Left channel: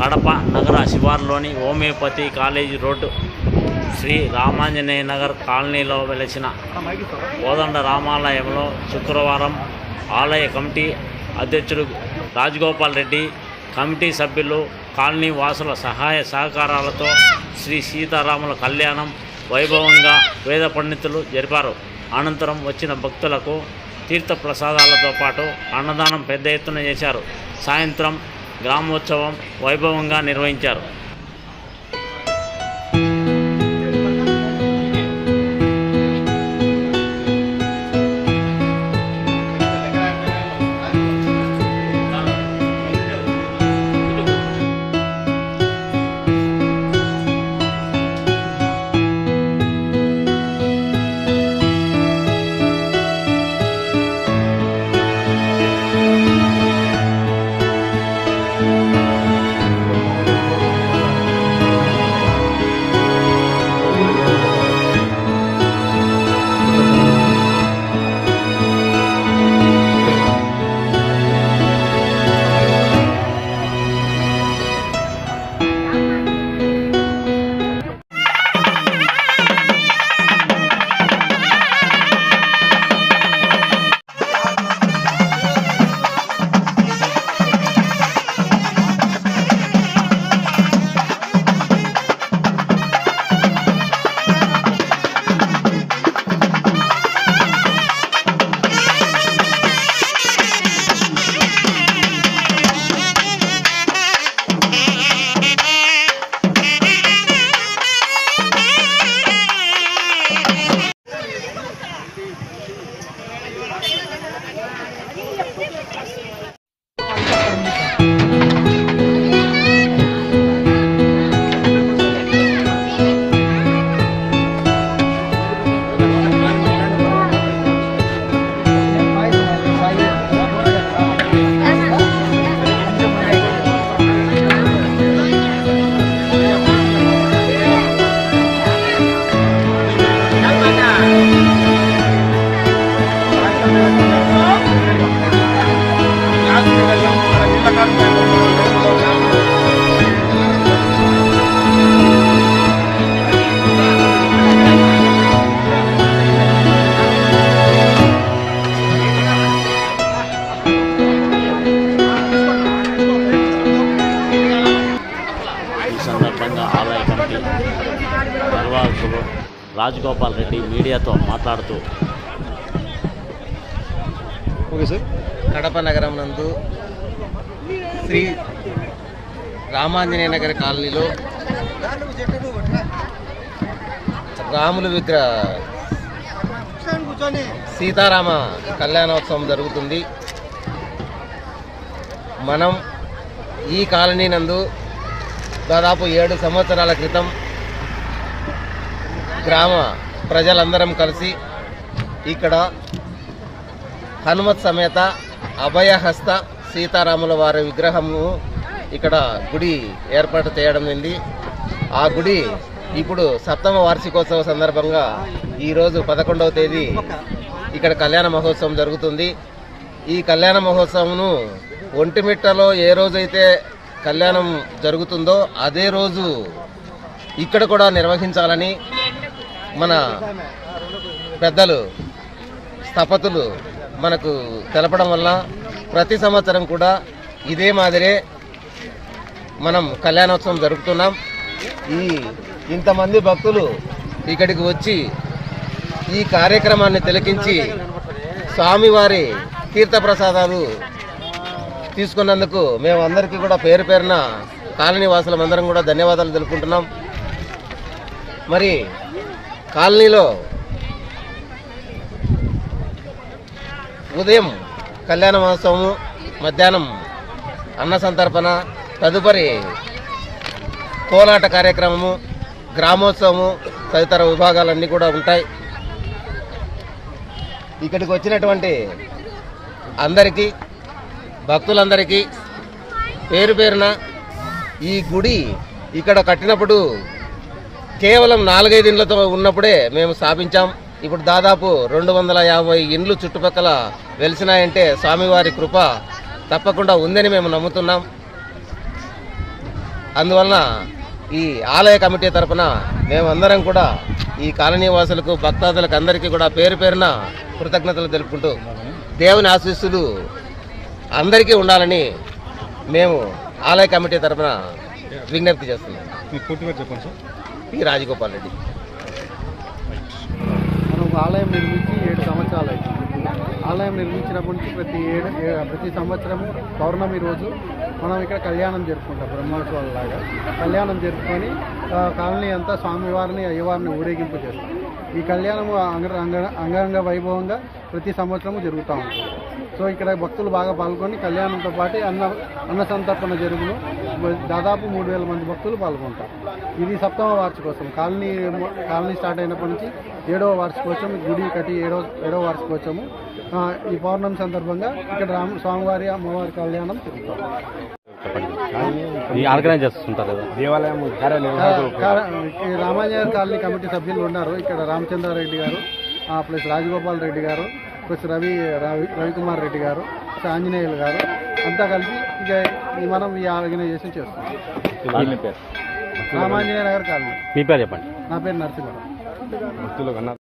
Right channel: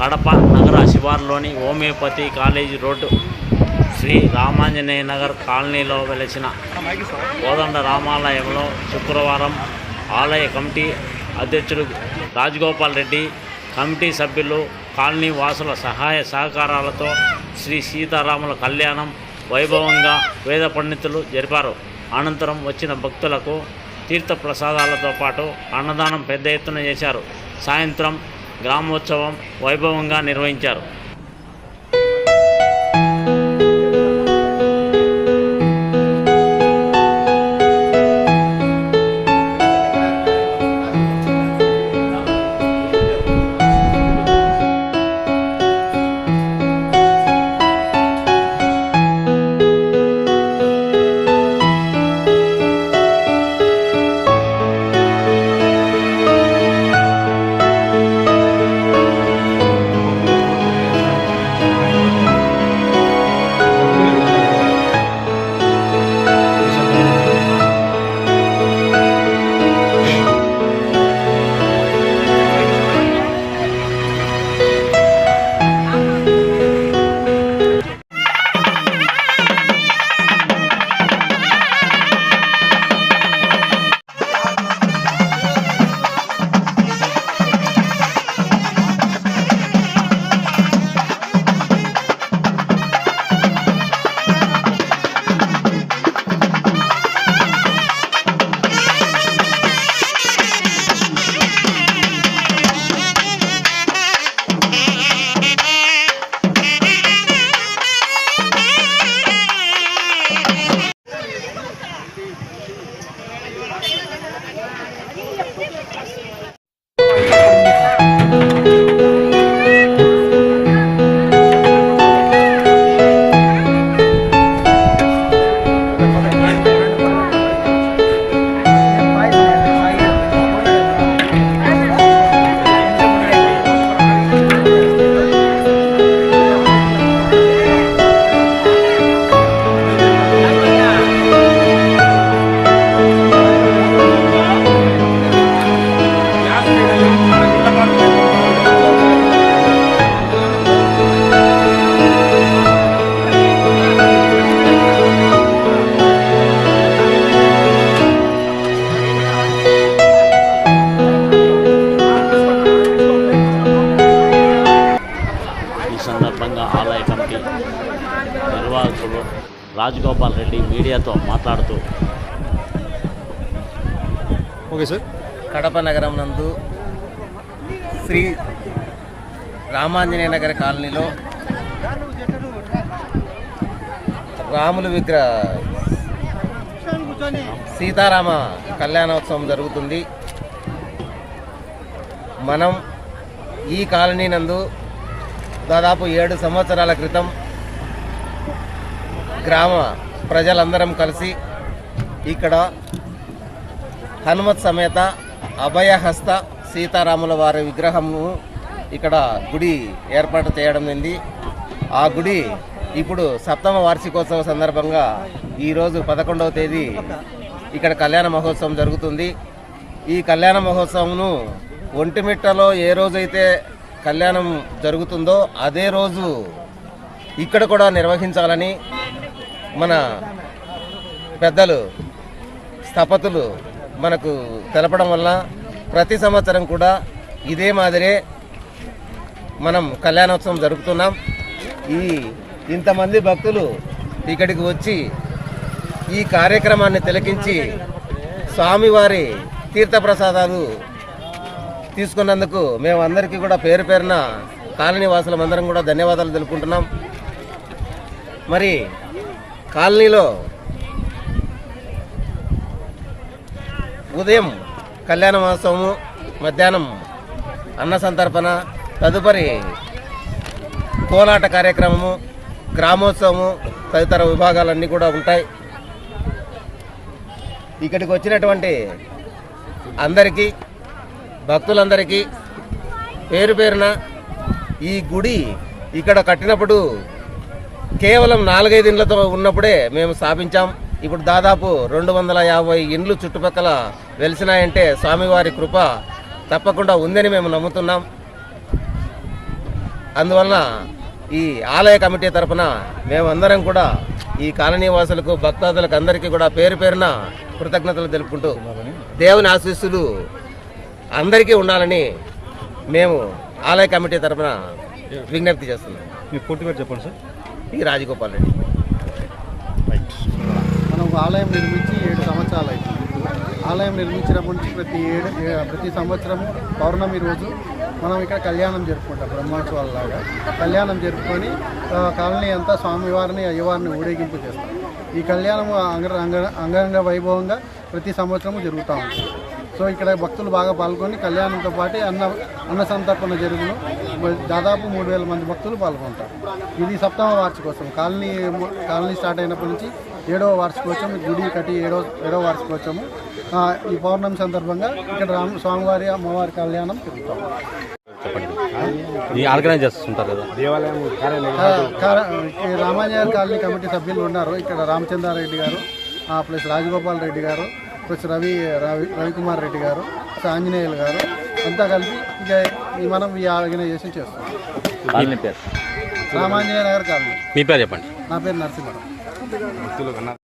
కడప నగర శివారులోని homeopathy college road Shri Ramanjaneya Nagar కాలనీలో వెలిసిన కోదండ రామాలయంలో శుక్రవారం ఆలయ కమిటీ అధ్యక్షుడు రాజగోపాల్ రెడ్డి, కమిటీ సభ్యులు, కాలనీ వాసుల సహాయ సహకారాలతో శ్రీ సీతారాముల కళ్యాణం వైభవంగా వేద పండితులు జరిపారు. అనంతరం వచ్చిన భక్తులకు తీర్థ ప్రసాదాలతో పాటు అన్నదానం పెద్ద ఎత్తున చేశారు. సాయంత్రం గ్రామోత్సవం వైభవంగా నిర్వహించారు. ఈ సందర్భంగా ఆలయ కమిటీ నిర్వాహకులు రాజగోపాల్ రెడ్డి మీడియాతో మాట్లాడుతూ, కడప నగరం నందు శ్రీ రామాంజనేయ నగర్ కాలనీలో రాముల విగ్రహ సీతారామ కళ్యాణోత్సవం జరుగుతుంది. మనం ఈ కాలనీ నందు దాదాపు 7 సంవత్సరాల క్రితం గ్రామ ప్రజలందరం కలిసి ఇక్కడ హనుమత్ సమేత అభయహస్త సీతారాముల వారి విగ్రహము ఇక్కడ గుడి ఏర్పాటు చేయడం జరిగింది. ఆ గుడి ఇప్పుడు 7వ వార్షికోత్సవ సందర్భంగా ఈరోజు 11వ తేదీ ఇక్కడ కళ్యాణ మహోత్సవం జరుగుతుంది. ఈ కళ్యాణ మహోత్సవంను ఒంటిమిట్టలో ఏ రోజైతే కళ్యాణం జరుగుతుందో అదే రోజు ఇక్కడ కూడా నిర్వహించాలని మన పెద్దలు స్థపతులు మనకు తెలపడం వల్ల ప్రతి సంవత్సరం కూడా ఇదే మాదిరే మనం కళ్యాణోత్సవం జరుపుతున్నాం. ఇంతమంది భక్తులు ఇక్కడికి వచ్చి ఈ కార్యక్రమాన్ని తిలకించి స్వామివారి తీర్థప్రసాదాలు తీసుకున్నందుకు మేమందరికీ కూడా పేరు పేరున కాలనీ వాసులందరం కూడా ధన్యవాదాలు తెలుపుకుంటున్నాం. మరి కాలనీలో ఉదయం కళ్యాణ మహోత్సవము, మధ్యాహ్నం అన్న సంతర్పణ, తదుపరి కోలాట కార్యక్రమము, గ్రామోత్సవము తదితర విభాగాలన్నీ కూడా ఉంటాయి. ఇక్కడికి వచ్చినటువంటి అందరికీ, భక్తులందరికీ పేరు పేరున ఈ గుడి ఇక్కడ కట్టినప్పుడు కేవలం 4-5 ఇండ్లతో ఉన్నప్పుడే మేము స్థాపించాం. ఇప్పుడు దాదాపు 250 ఇండ్లు చుట్టుపక్కల వెలిసినాయంటే స్వామివారి కృప తప్పకుండా ఉందని మేము నమ్ముతున్నాం. అందువలన ఈ ఆలయ కమిటీ తరపున మేమందరం కూడా ఈ కాలనీ వాసులకు భక్తాదులకు అందరికీ కూడా పేరు పేరున కృతజ్ఞతలు తెలుపుకుంటూ దేవుని ఆశీస్సులు అందరికీ ఉండాలని మేము ఆలయ కమిటీ తరపున విజ్ఞప్తి చేస్తున్నాం. చెప్పండి సార్. పి రాజగోపాల్ రెడ్డి. మనం ఒక ఆలయం నిర్మించి 7 సంవత్సరాలు అవుతుంది. ఆలయం నిర్మించినప్పటి నుంచి ప్రతి సంవత్సరము పౌర్ణమి రోజు మనం ఇక్కడ కళ్యాణం జరుపుకుంటాం. బ్రహ్మోత్సవాలలాగా కళ్యాణం జరుపుకొని కాలనీ అంతా స్వామివారిని అయ్యవారిని ఊరేగింపు చేస్తాం. ఈ కళ్యాణం అంగరంగ వైభవంగా ప్రతి సంవత్సరము జరుగుతూ ఉంటుంది. సో ఇక్కడ భక్తులు బాగా పాల్గొని కళ్యాణంతో పాటు అన్న సంతర్పణ జరుగును. దాదాపు 3000 మంది భక్తులు పాల్గొంటారు. ఇది 7వ వార్షికోత్సవం. కాలనీ స్టార్ట్ అయినప్పటి నుంచి 7వ వార్షికోత్సవం, గుడి కట్టి 7వ వార్షికోత్సవము. ఈ పౌర్ణమి సందర్భంగా ఇక్కడ స్వామివారి అమ్మవారి కళ్యాణం జరుగుతాం. చెప్పండి. ఆర్గనైజ్ చేస్తుంటారు కదా రామాంజనేయ కాలనీ కమిటీ సభ్యులు ఉన్నారు. ఇక్కడ రామచంద్రారెడ్డి గారు, ప్లస్ రాజగోపాల్ రెడ్డి గారు, ప్లస్ రవికుమార్ రెడ్డి గారు, ఆంజనేయులు గారు అంతా కలిపి ఇక మనం ఈ ఆర్గనైజేషన్ చేస్తాం. రామాంజనేయ నగర్ కాలనీ. మీ పేరు చెప్పండి. నా పేరు నరసింహరావు.